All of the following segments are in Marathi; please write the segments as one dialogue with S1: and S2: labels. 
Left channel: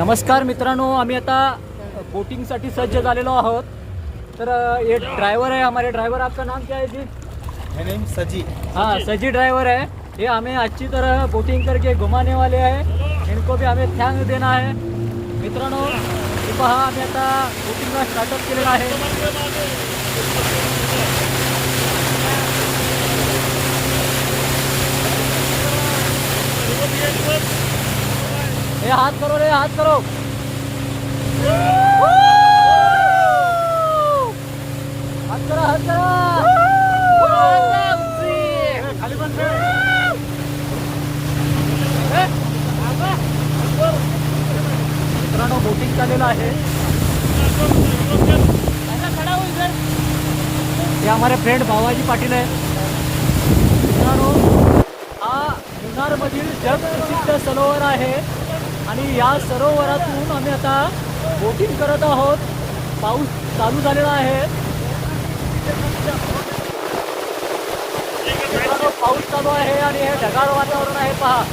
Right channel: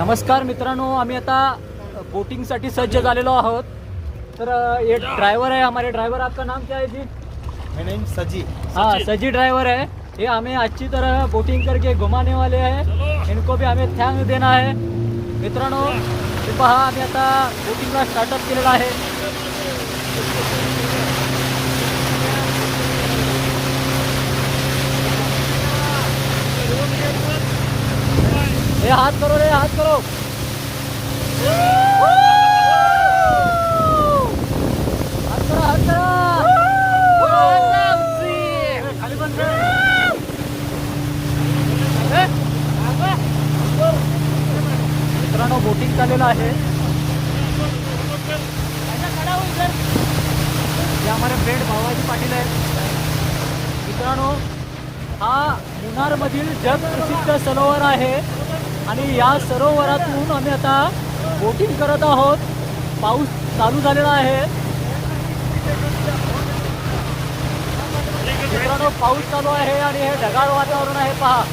S1: नमस्कार मित्रांनो आम्ही आता बोटिंगसाठी सज्ज झालेलो आहोत. तर अ, ये ड्राइवर है हमारे. ड्राइवर आपका नाम क्या है जी?
S2: मेरा नेम सजी
S1: हाँ सजी ड्राइवर है ये हमें अच्छी तरह बोटिंग करके घुमाने वाले हैं इनको भी हमें थँक देना है. मित्रांनो हे पहा आम्ही आता बोटिंगला स्टार्टअप केलेला आहे. हे हात करो रे हात करो. हात करा हात करा. मित्रांनो बोटिंग चाललेलं आहे. यामध्ये फ्रेंड भावाजी पाटील आहेत. मित्रांनो हा मुन्नारमधील जगप्रसिद्ध सरोवर आहे. आणि या सरोवरातून आम्ही आता बोटिंग करत आहोत. पाऊस चालू झालेला आहे. मित्रांनो पाऊस चालू आहे आणि हे ढगाळ वातावरण आहे. पहा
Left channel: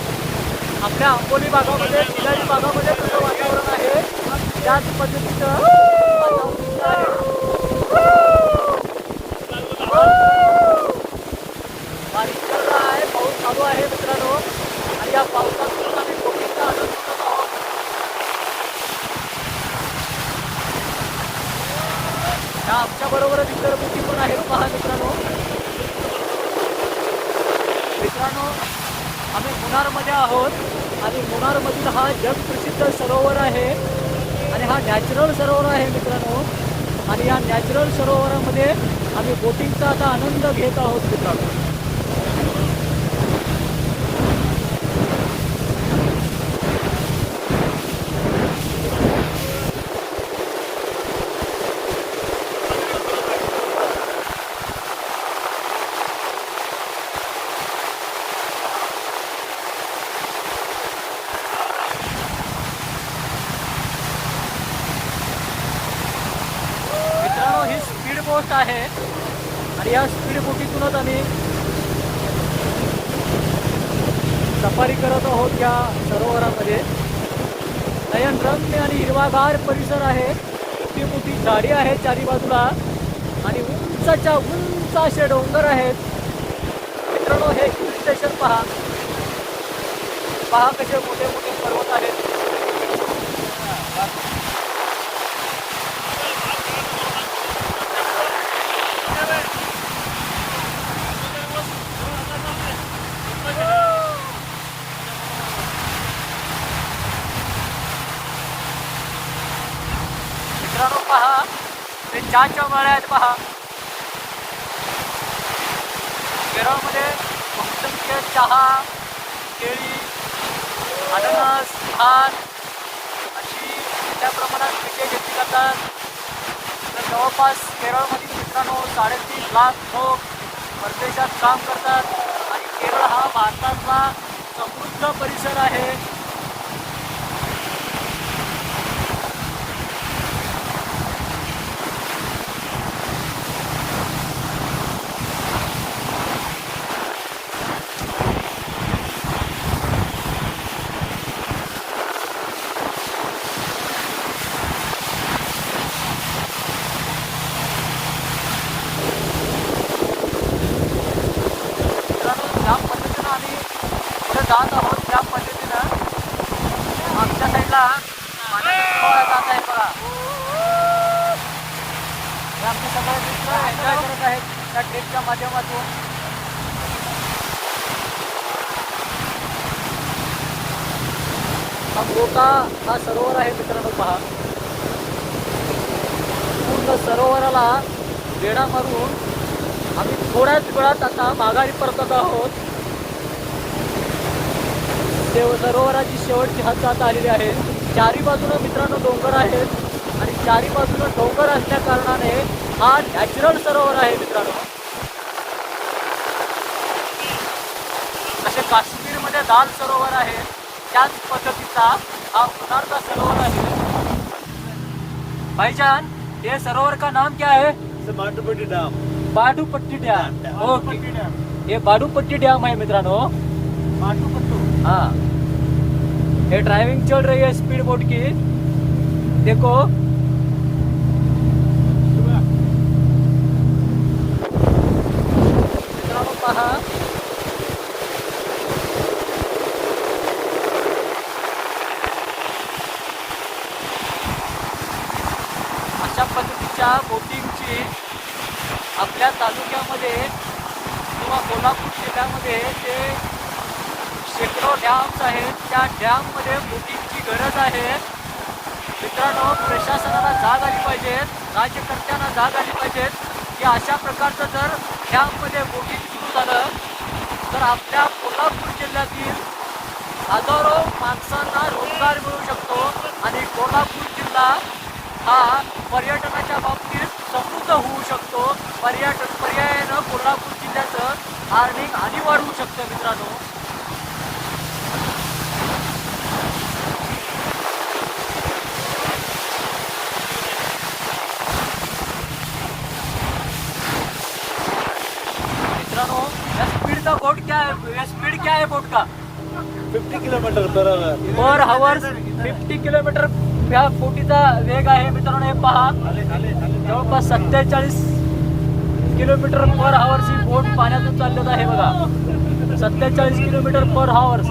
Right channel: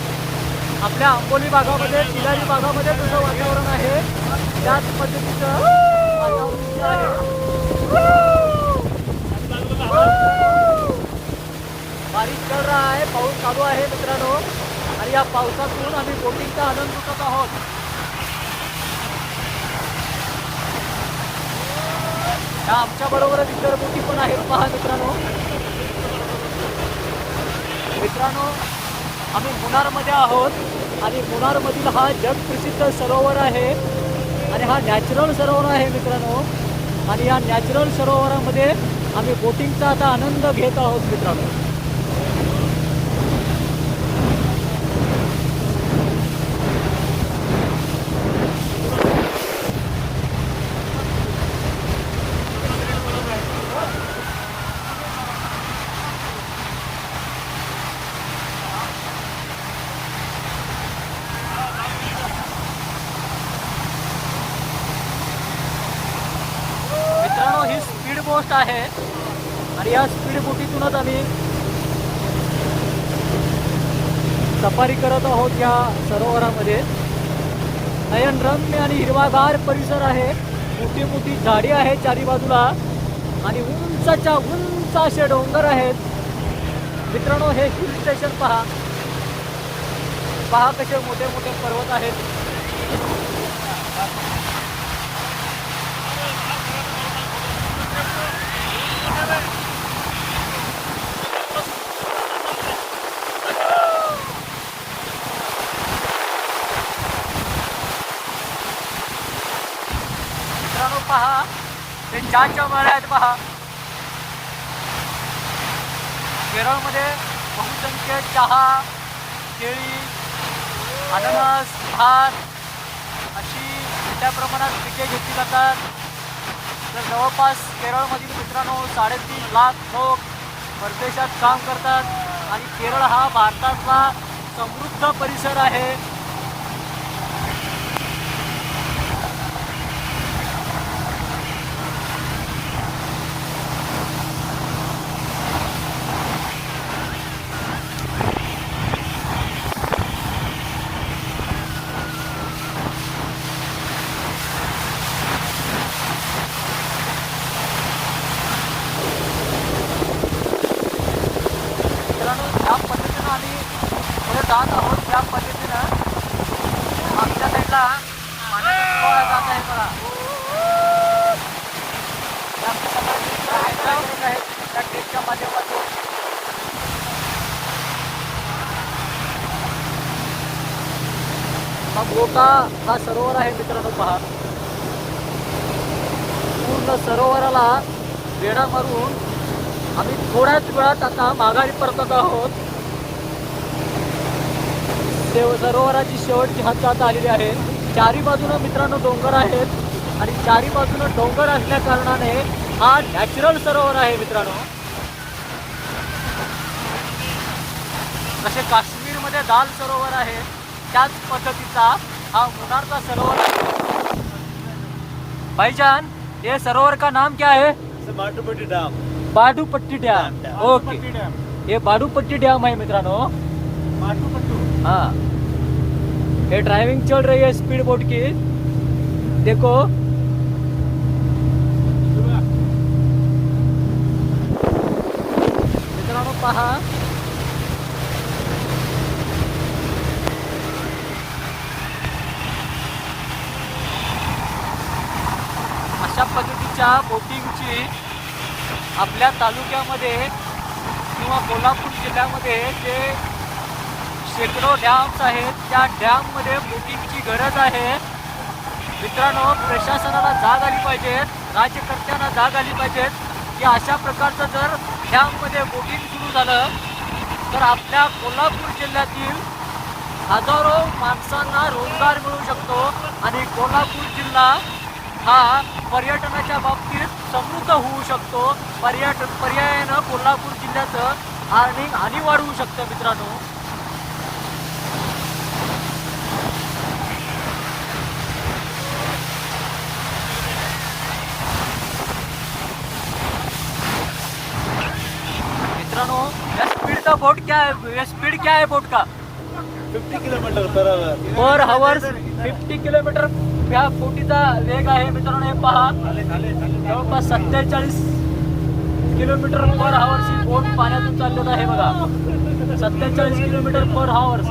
S1: आपल्या आंबोली भागामध्ये तिलारी भागामध्ये तसं वातावरण आहे. त्याच पद्धतीचं बारीक बारिश कर रहा है पाऊस चालू आहे मित्रांनो. आणि या पावसातून आम्ही बोटिंगचा आनंद लुटत आहोत या आमच्या बरोबर इतर बोटी पण आहेत. पहा मित्रांनो. मित्रांनो आम्ही मुनारमध्ये आहोत. आणि मुनारमधील हा जगप्रसिद्ध सरोवर आहे. आणि हा नॅचरल सरोवर आहे मित्रांनो. आणि या नॅचरल सरोवरामध्ये आम्ही बोटिंगचा आता आनंद घेत आहोत मित्रांनो. पोस्ट आहे. आणि या स्पीड बोटीतूनच आम्ही सफारी करत आहोत या सरोवरामध्ये. नयनरम्य आणि हिरवागार परिसर आहे. मोठी मोठी झाडी आहे चारी बाजूला. आणि उंचाच्या उंच असे डोंगर आहेत. मित्रांनो हे हिल स्टेशन पहा. पहा कसे मोठे मोठे पर्वत आहेत. पहा. ते चहाच्या मळ्या आहेत पहा. केरळमध्ये बहुसंख्य चहा केळी अननस भात अशी मोठ्या प्रमाणात पिके घेतली जातात. तर जवळपास केरळमधील मित्रांनो साडेतीन लाख लोक परदेशात काम करतात. आणि केरळ हा भारतातला समृद्ध परिसर आहे मित्रांनो ज्या पद्धतीनं आम्ही पुढे जात आहोत त्या पद्धतीनं. आमच्या साईडला पाण्याचा फळ आहे बघा. हे आमचे मित्र एन्जॉय करत आहेत त्या ट्रेकच्या माध्यमातून. हा मोठा हा सरोवर आहे मित्रांनो पहा. पूर्ण सरोवराला वेढा मारून आम्ही थोड्याच वेळात आता माघारी परतत आहोत. देव सरोवराची शेवटची हद्द आता आलेली आहे. चारी बाजूनं मित्रांनो डोंगर आहेत. आणि चारी बाजूनं डोंगर असल्या कारणाने हा नॅचरल सरोवर आहे मित्रांनो. जसे काश्मीरमध्ये दाल सरोवर आहे. त्याच पद्धतीचा हा मुनारचा सरोवर आहे. भाईजान ये सरोवर का नाम क्या है
S2: Mattupatti dam.
S1: Badupatti dam. Okay. हे बाडूपट्टी डॅम आहे मित्रांनो. हा. ये ड्राइविंग चल रही है स्पीड बोट की। देखो। मित्रांनो पहा अशा पद्धतीच्या बोटिंगची आपल्या तालुक्यामध्ये किंवा कोल्हापूर जिल्ह्यामध्ये जे शेकडो डॅम्स आहेत. त्या डॅममध्ये बोटिंगची गरज आहे. मित्रांनो प्रशासनाला जाग आली पाहिजेत राज्यकर्त्यांना जाग आली पाहिजेत की अशा प्रकारचं जर डॅममध्ये बोटिंग सुरू झालं तर आपल्या कोल्हापूर जिल्ह्यातील हजारो माणसांना रोजगार मिळू शकतो. आणि कोल्हापूर जिल्हा हा पर्यटनाच्या बाबतीत समृद्ध होऊ शकतो. पर्यटन पर्यायानं कोल्हापूर जिल्ह्याचं आणि हानी वाढवू शकतं मित्रांनो. मित्रांनो या स्पीड का बोट क्या है? या स्पीड क्या है बोट का?
S2: 50 kilometre.
S1: Per hours fifty kilometre या बोटीचा वेग आहे मित्रांनो हे पहा. जवळपास सत्तेचाळीस किलोमीटर पर हवर्स ही बोट पाण्यातून चाललेलं आहे बघा. सत्तेचाळीस किलोमीटर पर हवर्स